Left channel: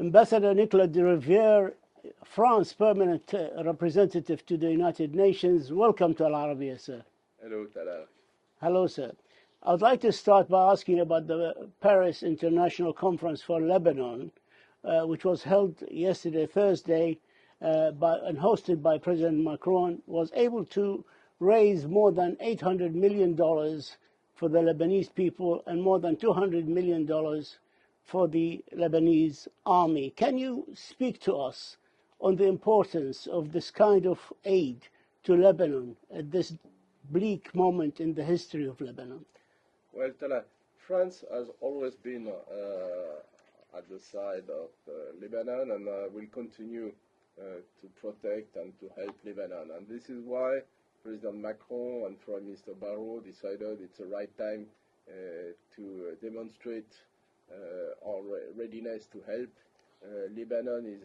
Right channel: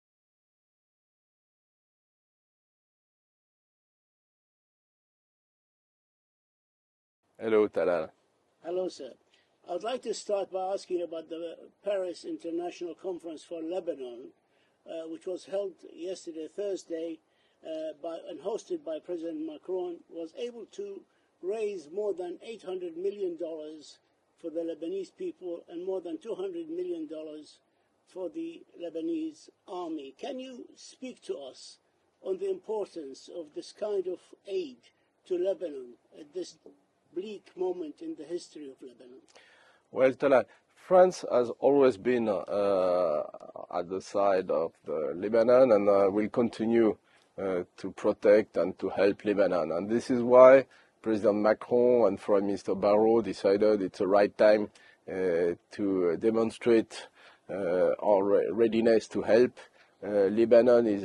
Ambassador Nicolas de Rivière, France permanent representative to the United Nations. Welcome to Al Arabiya, sir. Hello, Talal. Hello, sir. I would like to start by asking about the Paris International Conference for Lebanon, which was held yesterday, Thursday, and hosted by President Macron, was able to raise more than $800 million for the Lebanese people and more than $200 million for the Lebanese army. Can you speak to us on the importance of this kind of aid to Lebanon at this bleak moment in the history of Lebanon? Well, Talal, France has always been at the side of Lebanon and will continue to protect and to help Lebanon. And this is why President Macron and Foreign Minister Barrot decided it's the right time to demonstrate our readiness to help. Lebanon is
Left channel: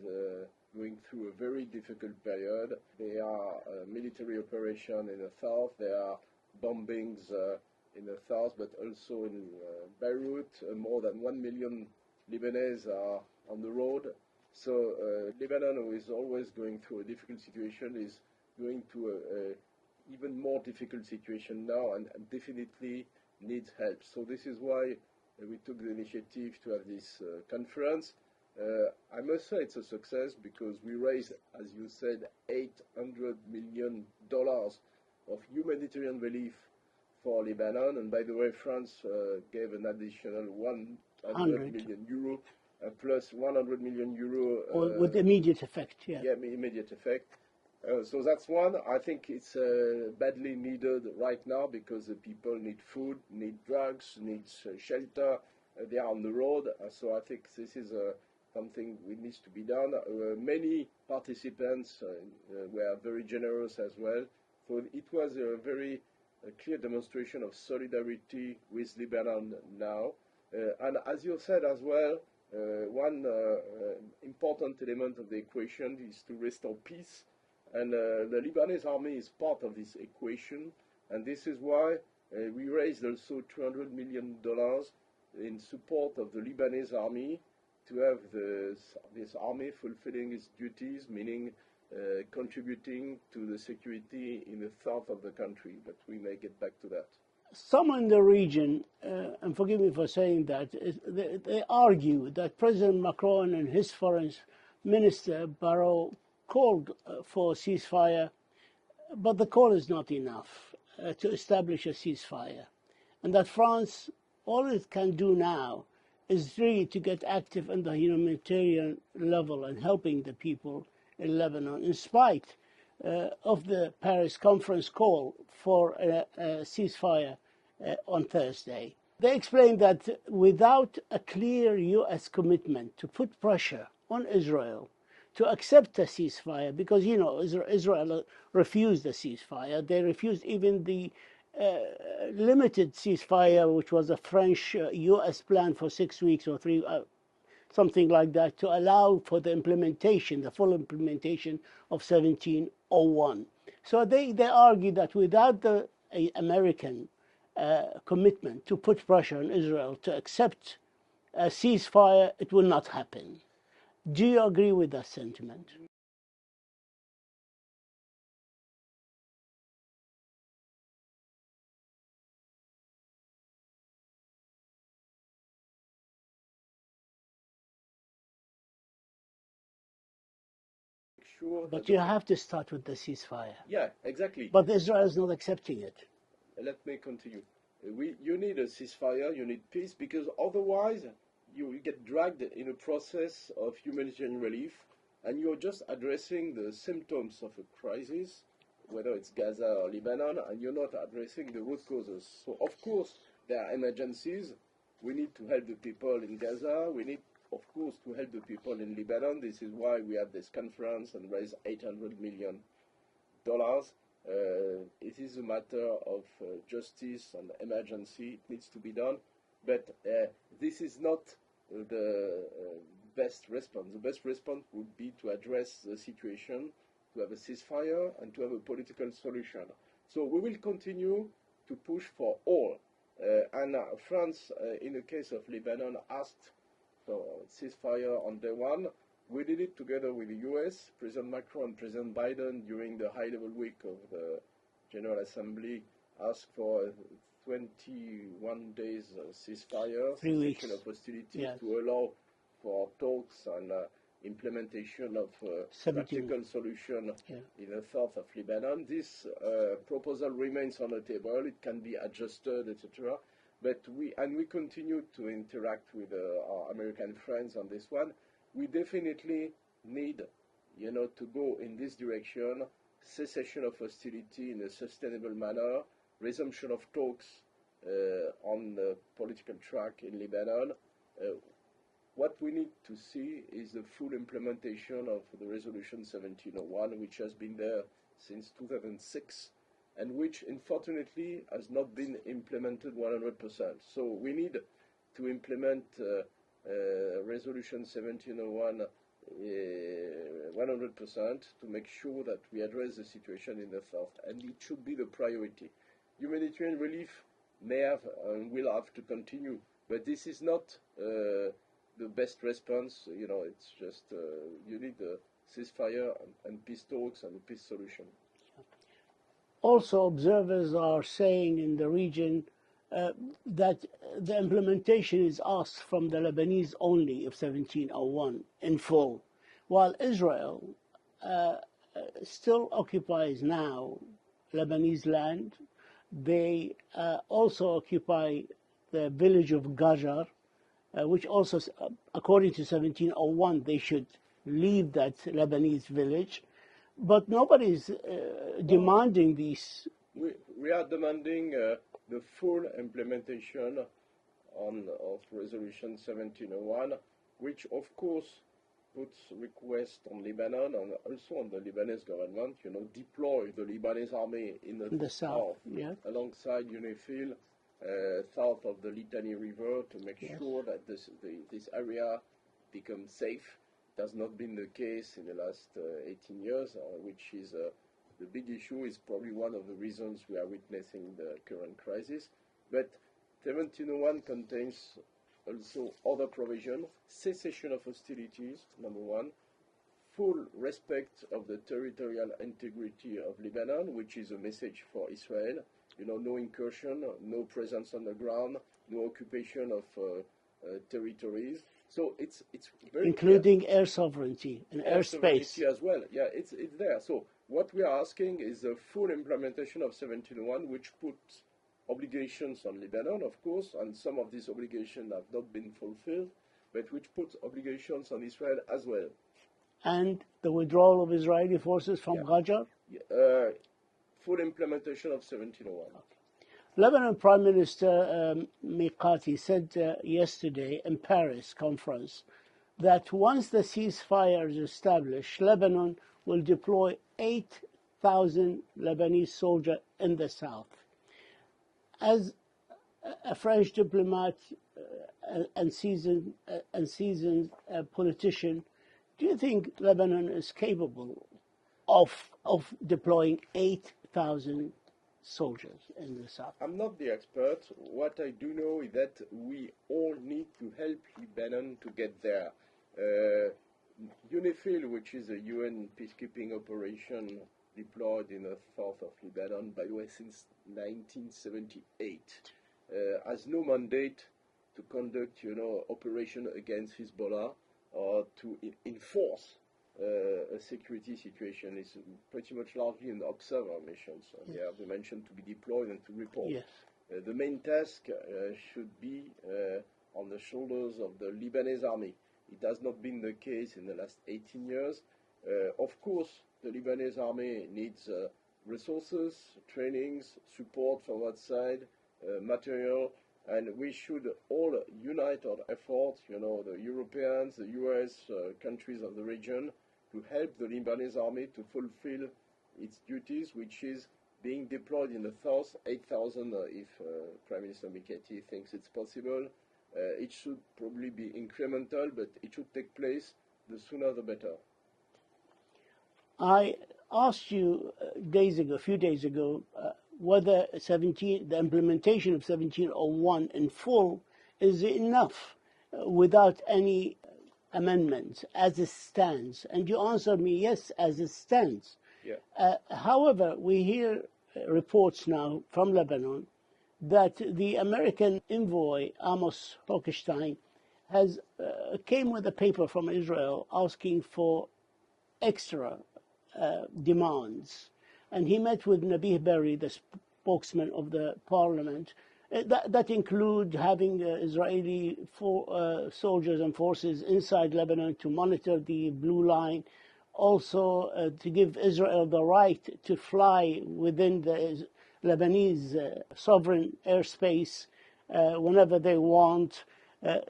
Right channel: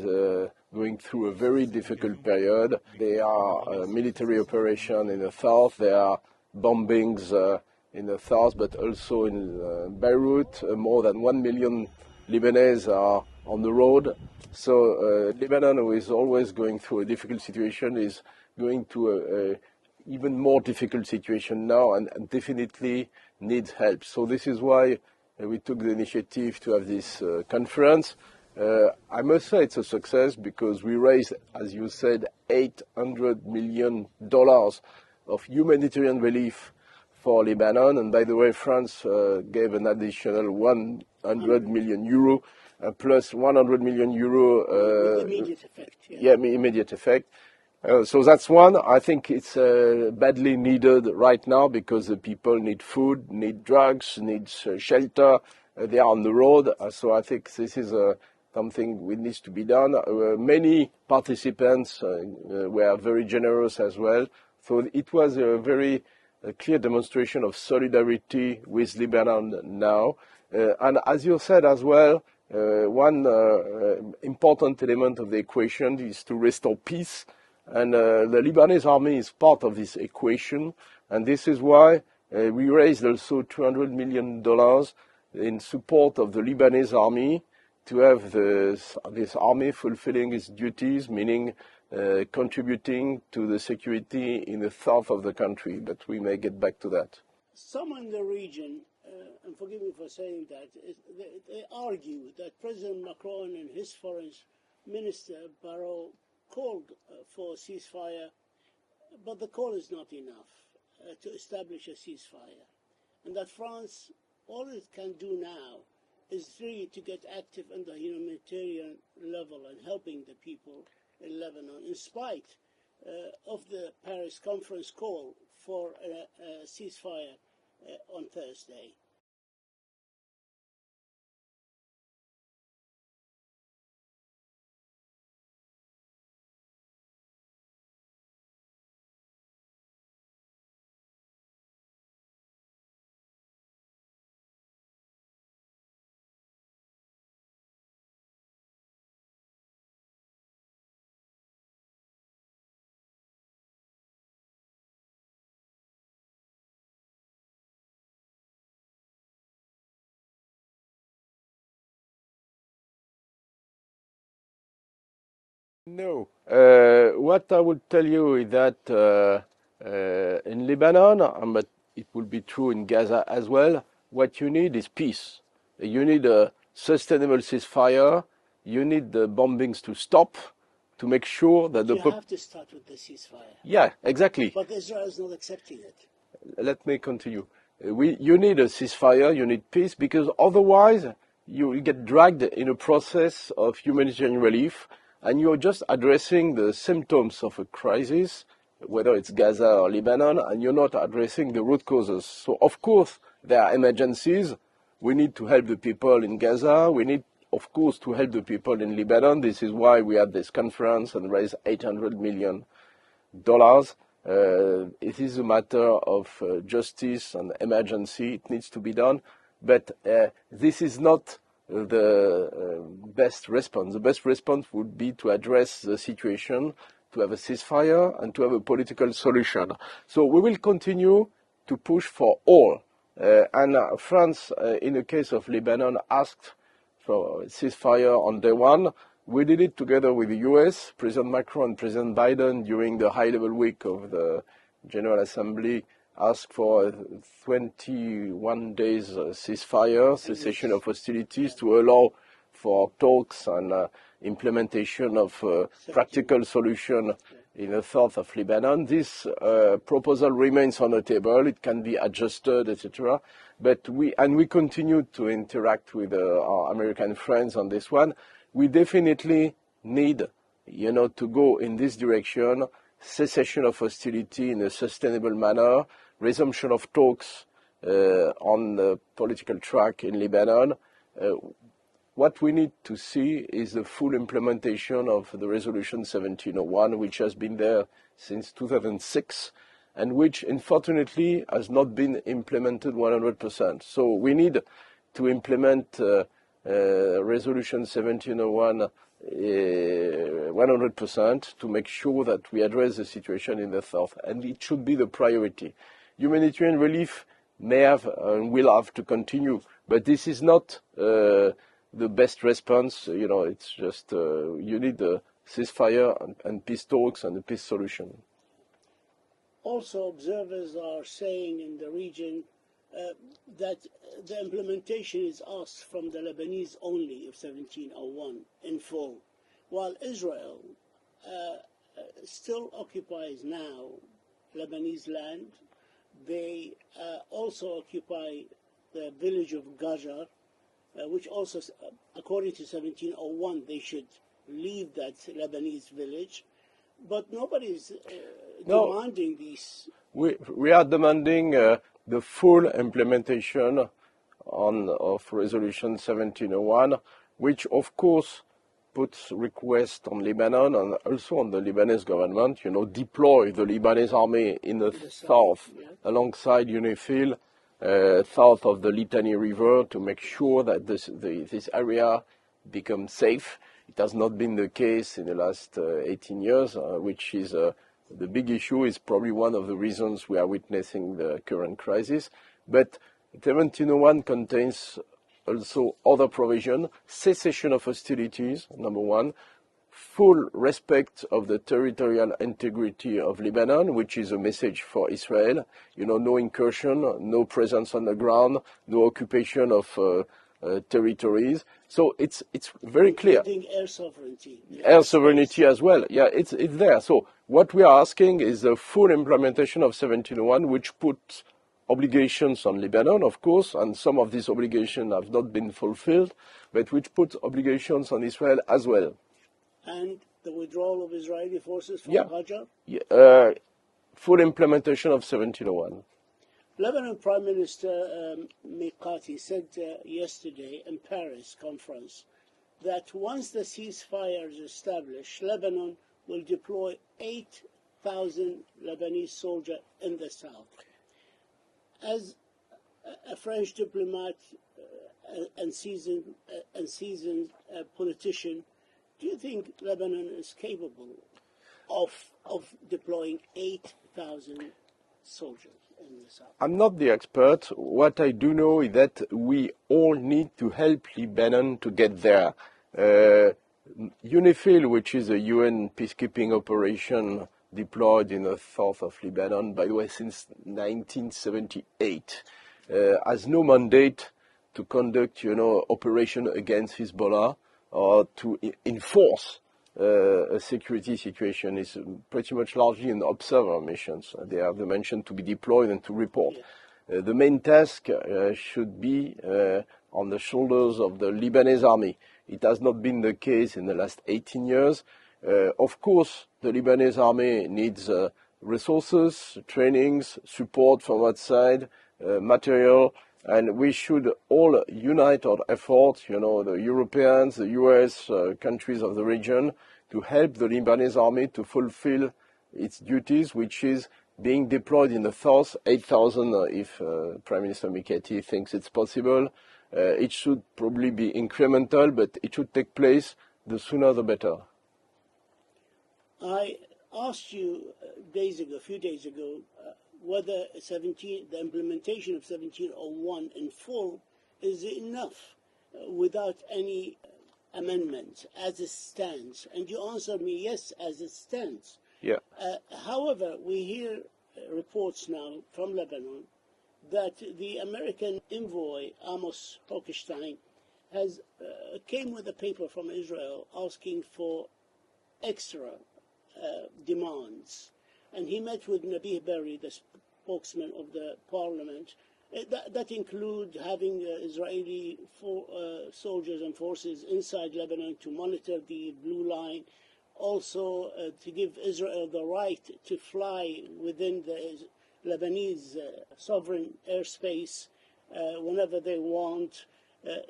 going through a very difficult period. There are military operations in the south, there are bombings in the south, but also in Beirut. More than 1 million Lebanese are on the road. So Lebanon, who is always going through a difficult situation, is going to an even more difficult situation now and definitely needs help. So this is why we took the initiative to have this conference. I must say it's a success because we raised, as you said, $800 million of humanitarian relief for Lebanon. And by the way, France gave an additional 100 million euro plus 100 million euro. With immediate effect. Yeah, immediate effect. So that's one. I think it's badly needed right now because the people need food, need drugs, need shelter. They are on the road. So I think this is something that needs to be done. Many participants were very generous as well. So it was a very clear demonstration of solidarity with Lebanon now. And as you said as well, one important element of the equation is to restore peace. And the Lebanese army is part of this equation. And this is why we raised also $200 million in support of the Lebanese army to have this army fulfilling its duties, meaning contributing to the security in the south of the country. But we may get back to that. Some in the region, and forgive me for saying that, they argue that President Macron and his foreign minister, Barrot, called for a ceasefire, but the call is not enough to establish a ceasefire. And that France, all it can do now is really to get active on the humanitarian level and helping the people in Lebanon, in spite of the Paris conference call for a ceasefire on Thursday. They explained that without a clear U.S. commitment to put pressure on Israel to accept a ceasefire, because, you know, Israel refused a ceasefire. They refused even the limited ceasefire, which was a French-U.S. plan for 6 weeks or something like that, to allow for the implementation, the full implementation of 1701. So they argue that without the American commitment to put pressure on Israel to accept a ceasefire, it will not happen. Do you agree with that sentiment? No. What I would tell you is that in Lebanon, but it will be true in Gaza as well, what you need is peace. You need a sustainable ceasefire. You need the bombings to stop, to make sure that you have to start with the ceasefire. Yeah, exactly. But Israel is not accepting it. Let me continue. You need a ceasefire, you need peace, because otherwise you will get dragged in a process of humanitarian relief, and you're just addressing the symptoms of a crisis, whether it's Gaza or Lebanon, and you're not addressing the root causes. So, of course, there are emergencies. We need to help the people in Gaza. We need, of course, to help the people in Lebanon. This is why we had this conference and raised $800 million. It is a matter of justice and emergency. It needs to be done. But this is not the best response. The best response would be to address the situation, to have a ceasefire, and to have a political solution. So we will continue to push for all. And France, in the case of Lebanon, asked for ceasefire on day one. We did it together with the US, President Macron and President Biden during the high-level week of the General Assembly asked for 21 days ceasefire, cessation of hostilities to allow for talks and implementation of practical solution in the south of Lebanon. This proposal remains on the table. It can be adjusted, etc. But we continue to interact with our American friends on this one. We definitely need, to go in this direction, cessation of hostility in a sustainable manner, resumption of talks on the political track in Lebanon. What we need to see is the full implementation of the Resolution 1701, which has been there since 2006, and which, unfortunately, has not been implemented 100%. So we need to implement Resolution 1701 100% to make sure that we address the situation in the south, and it should be the priority. Humanitarian relief may have and will have to continue, but this is not the best response. It's just you need a ceasefire and peace talks and a peace solution. Also, observers are saying in the region that the implementation is asked from the Lebanese only of 1701 in full, while Israel still occupies now Lebanese land. They also occupy the village of Gajar, which also, according to 1701, they should leave that Lebanese village. But nobody's demanding these. We are demanding the full implementation of Resolution 1701, which of course puts requests on Lebanon and also on the Lebanese government, deploy the Lebanese army in the south alongside UNIFIL, south of the Litani River, to make sure that this area becomes safe. It has not been the case in the last 18 years, which is the big issue, is probably one of the reasons we are witnessing the current crisis. But 1701 contains also other provisions: cessation of hostilities, number one, full respect of the territorial integrity of Lebanon, which is a message for Israel, no incursion, no presence on the ground, no occupation of territories. So it's very clear. Including air sovereignty. Air sovereignty as well. Yeah, it's there. So what we are asking is the full implementation of 1701, which puts obligations on Lebanon, of course, and some of these obligations have not been fulfilled, but which puts obligations on Israel as well. And the withdrawal of Israeli forces from Gajar? Full implementation of 1701. Lebanon Prime Minister Mikati said yesterday in Paris conference that once the ceasefire is established, Lebanon will deploy 8,000 Lebanese soldiers in the south. As a French diplomat and seasoned politician, do you think Lebanon is capable of deploying 8,000 soldiers in the south? I'm not the expert. What I do know is that we all need to help Lebanon to get there. UNIFIL, which is a UN peacekeeping operation deployed in the south of Lebanon, by the way, since 1978, has no mandate to conduct, operation against Hezbollah or to enforce a security situation. Is pretty much largely an observer missions. They have the mission to be deployed and to report. Yeah. The main task should be on the shoulders of the Lebanese army. It has not been the case in the last 18 years. Of course, the Lebanese army needs resources, trainings, support from outside, material, and we should all unite our efforts, the Europeans, the US, countries of the region, to help the Lebanese army to fulfill its duties, which is being deployed in the south, 8,000 if Prime Minister Mikati thinks it's possible. It should probably be incremental, but it should take place the sooner the better. I asked you a few days ago, whether the implementation of 1701 in full is enough without any amendments as it stands? And you answered me, yes, as it stands. Yeah. However, we hear reports now from Lebanon that the American envoy, Amos Hochstein, has came with a paper from Israel asking for extra demands. And he met with Nabih Berri, the spokesman of the parliament. That include having Israeli soldiers and forces inside Lebanon to monitor the blue line, also to give Israel the right to fly within the Lebanese sovereign airspace whenever they want,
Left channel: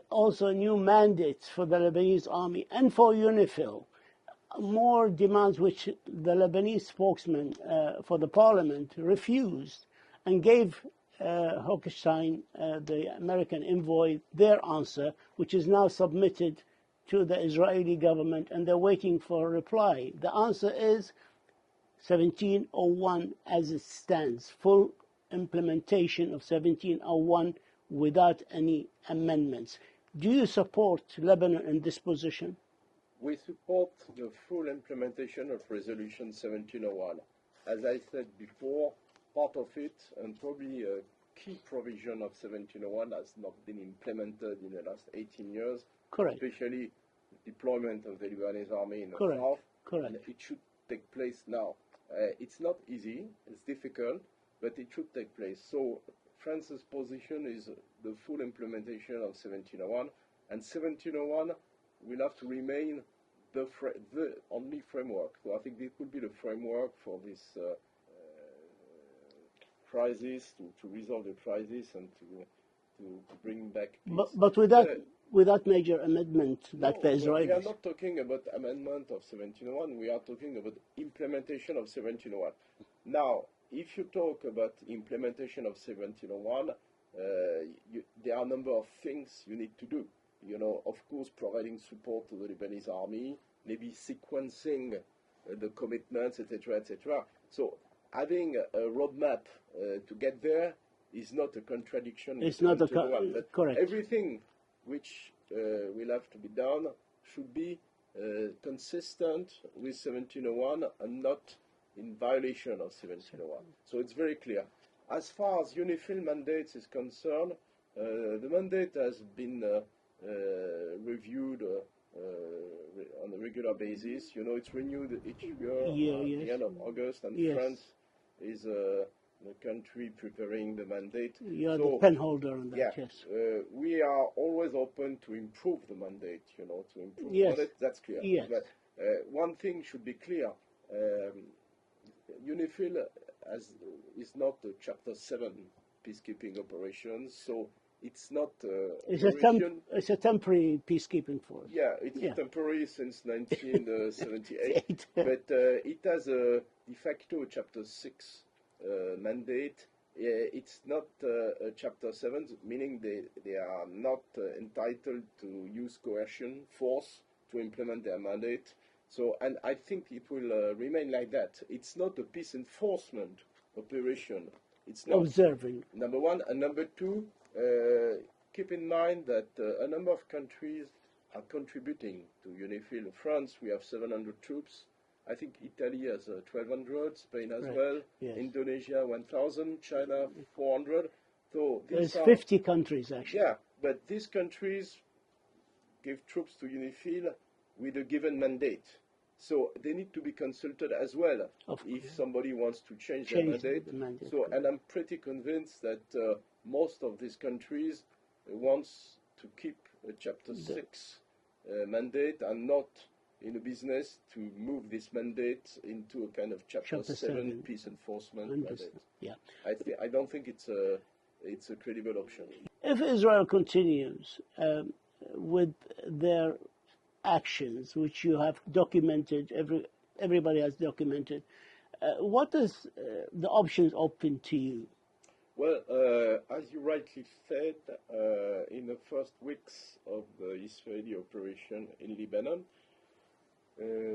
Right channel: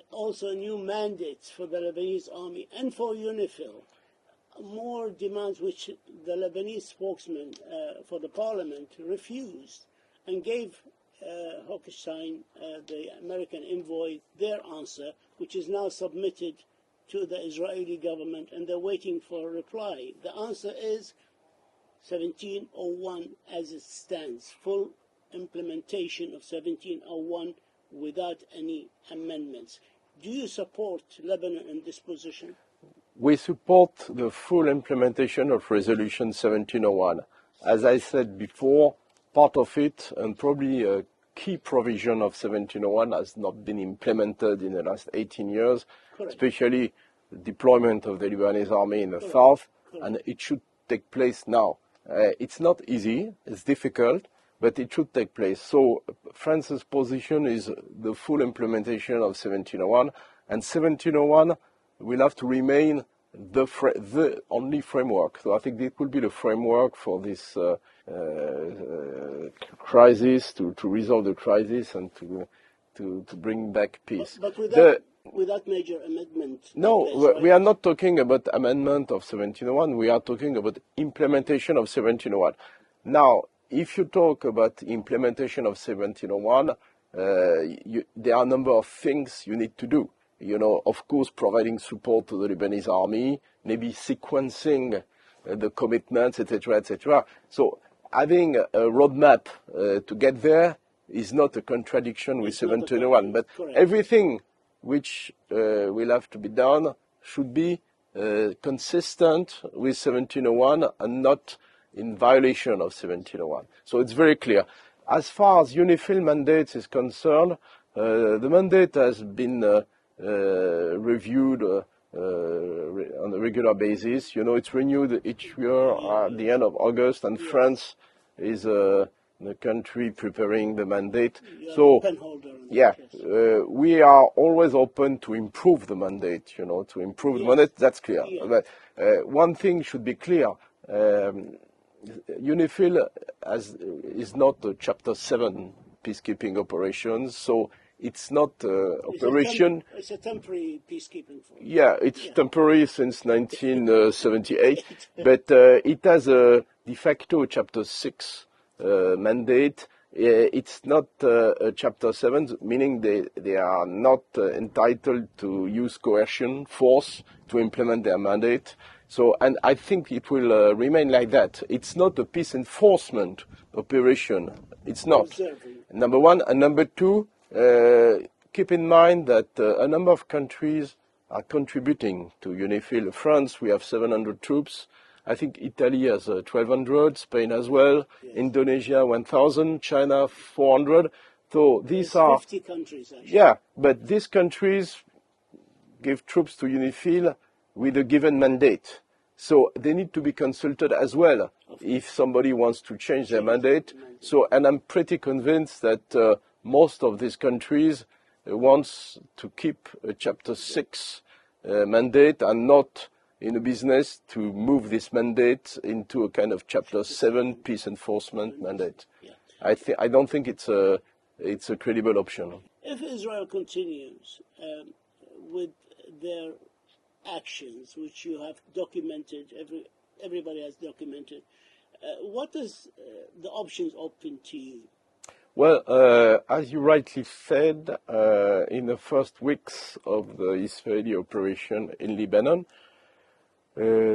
also new mandates for the Lebanese army and for UNIFIL, more demands which the Lebanese spokesman for the parliament refused and gave Hochstein, the American envoy, their answer, which is now submitted to the Israeli government, and they're waiting for a reply. The answer is 1701 as it stands, full implementation of 1701 without any amendments. Do you support Lebanon in this position? We support the full implementation of Resolution 1701. As I said before, part of it, and probably a key provision of 1701, has not been implemented in the last 18 years, Correct. especially the deployment of the Lebanese army in the Correct. south, Correct. and it should take place now. It's not easy, it's difficult, but it should take place. So France's position is the full implementation of 1701, and 1701 will have to remain the only framework. So I think it will be the framework for this crisis, to resolve the crisis and to bring back peace. But without major amendment. No, right? we are not talking about amendment of 1701. We are talking about implementation of 1701. Now, if you talk about implementation of 1701, there are a number of things you need to do. You know, of course, providing support to the Lebanese army, maybe sequencing the commitments, etc., etc. So having a roadmap to get there is not a contradiction with 1701. But correct. Everything which will have to be done should be consistent with 1701 and not in violation of 1701. So it's very clear. As far as UNIFIL mandates is concerned, the mandate has been reviewed on a regular basis. You know, it's renewed each year at the end of August, and France is the country preparing the mandate. You're so, the pen holder on that, yeah, yes. we are always open to improve the mandate, you know, to improve the mandate, that's clear. Yes. But one thing should be clear. UNIFIL is not a Chapter 7 peacekeeping operations, so it's not operation. It's a temporary peacekeeping force. Yeah, it's temporary since 1978, but it has a de facto Chapter 6 mandate. It's not a Chapter 7, meaning they are not entitled to use coercion, force to implement their mandate. So, and I think it will remain like that. It's not a peace enforcement operation. It's not. Observing. Number one. And number two, keep in mind that a number of countries are contributing to UNIFIL. France, we have 700 troops. I think Italy has 1,200, Spain as well, yes. Indonesia 1,000, China 400. So these are 50 countries actually. Yeah, but these countries give troops to UNIFIL with a given mandate. So they need to be consulted as well if somebody wants to change their mandate. So, and I'm pretty convinced that most of these countries wants to keep a Chapter 6 mandate and not in a business to move this mandate into a kind of Chapter 7 peace enforcement mandate. Yeah. I don't think it's a credible option. If Israel continues with their actions, which you have documented, everybody has documented, what is the options open to you? Well, as you rightly said, in the first weeks of the Israeli operation in Lebanon,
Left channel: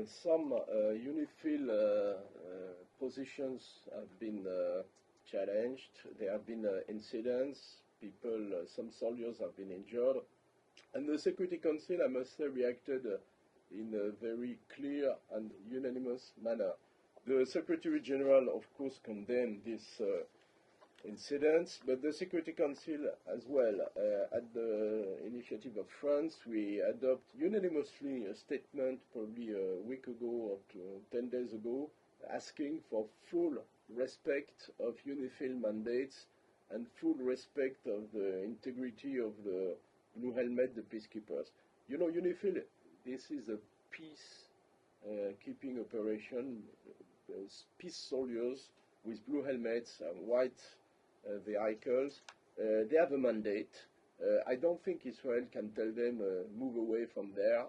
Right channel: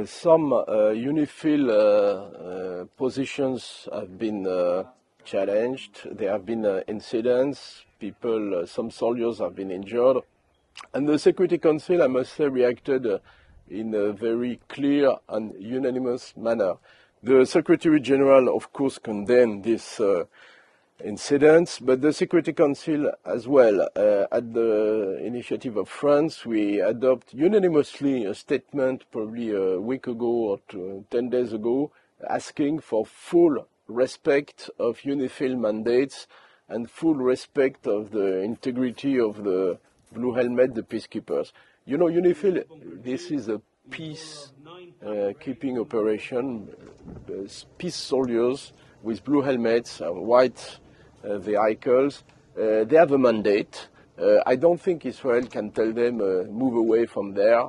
some UNIFIL positions have been challenged. There have been incidents. Some soldiers have been injured. And the Security Council, I must say, reacted in a very clear and unanimous manner. The Secretary General, of course, condemned this incidents, but the Security Council as well. At the initiative of France, we adopt unanimously a statement probably a week ago or 10 days ago, asking for full respect of UNIFIL mandates and full respect of the integrity of the Blue Helmet, the peacekeepers. You know, UNIFIL, this is a peace keeping operation, peace soldiers with blue helmets, white vehicles. They have a mandate. I don't think Israel can tell them move away from there.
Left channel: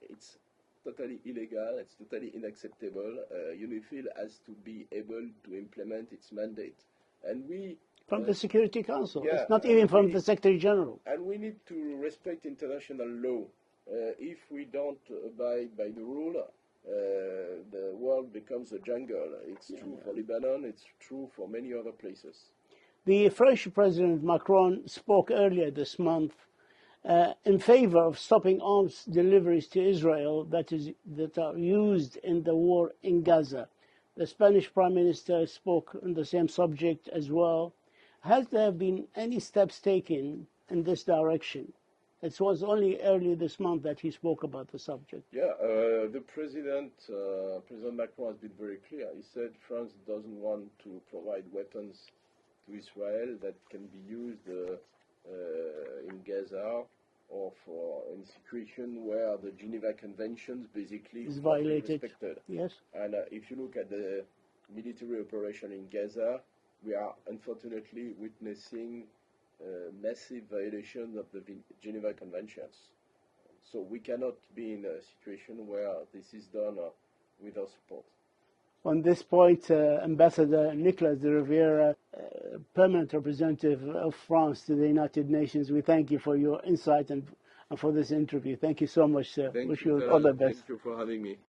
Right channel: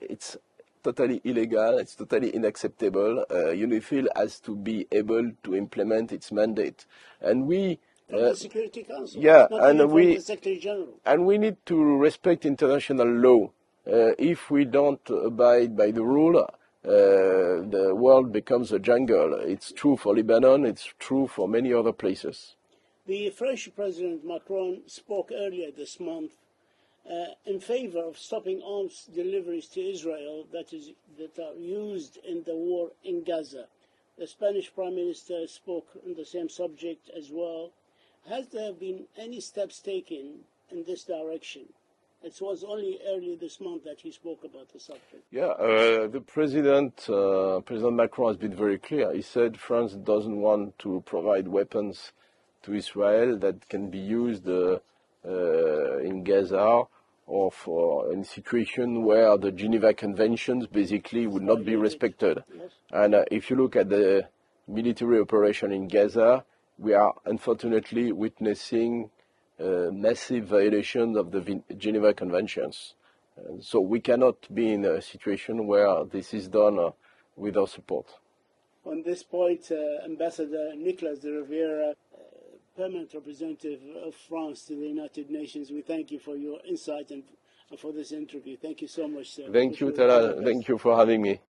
It's totally illegal. It's totally unacceptable. UNIFIL has to be able to implement its mandate, and we. From the Security Council, yeah, not even from the Secretary General. And we need to respect international law. If we don't abide by the rule, the world becomes a jungle. It's true for Lebanon, it's true for many other places. The French President Macron spoke earlier this month in favor of stopping arms deliveries to Israel that are used in the war in Gaza. The Spanish Prime Minister spoke on the same subject as well. Has there been any steps taken in this direction? It was only early this month that he spoke about the subject. Yeah, the President Macron has been very clear. He said France doesn't want to provide weapons to Israel that can be used in Gaza or for in situation where the Geneva Conventions basically would not be respected. Yes. And if you look at the military operation in Gaza, we are unfortunately witnessing massive violations of the Geneva Conventions. So we cannot be in a situation where this is done without support. On this point, Ambassador Nicolas de Rivière, permanent representative of France to the United Nations, we thank you for your insight and for this interview. Thank you so much, sir. Thank you, Talal. Thank you for having me.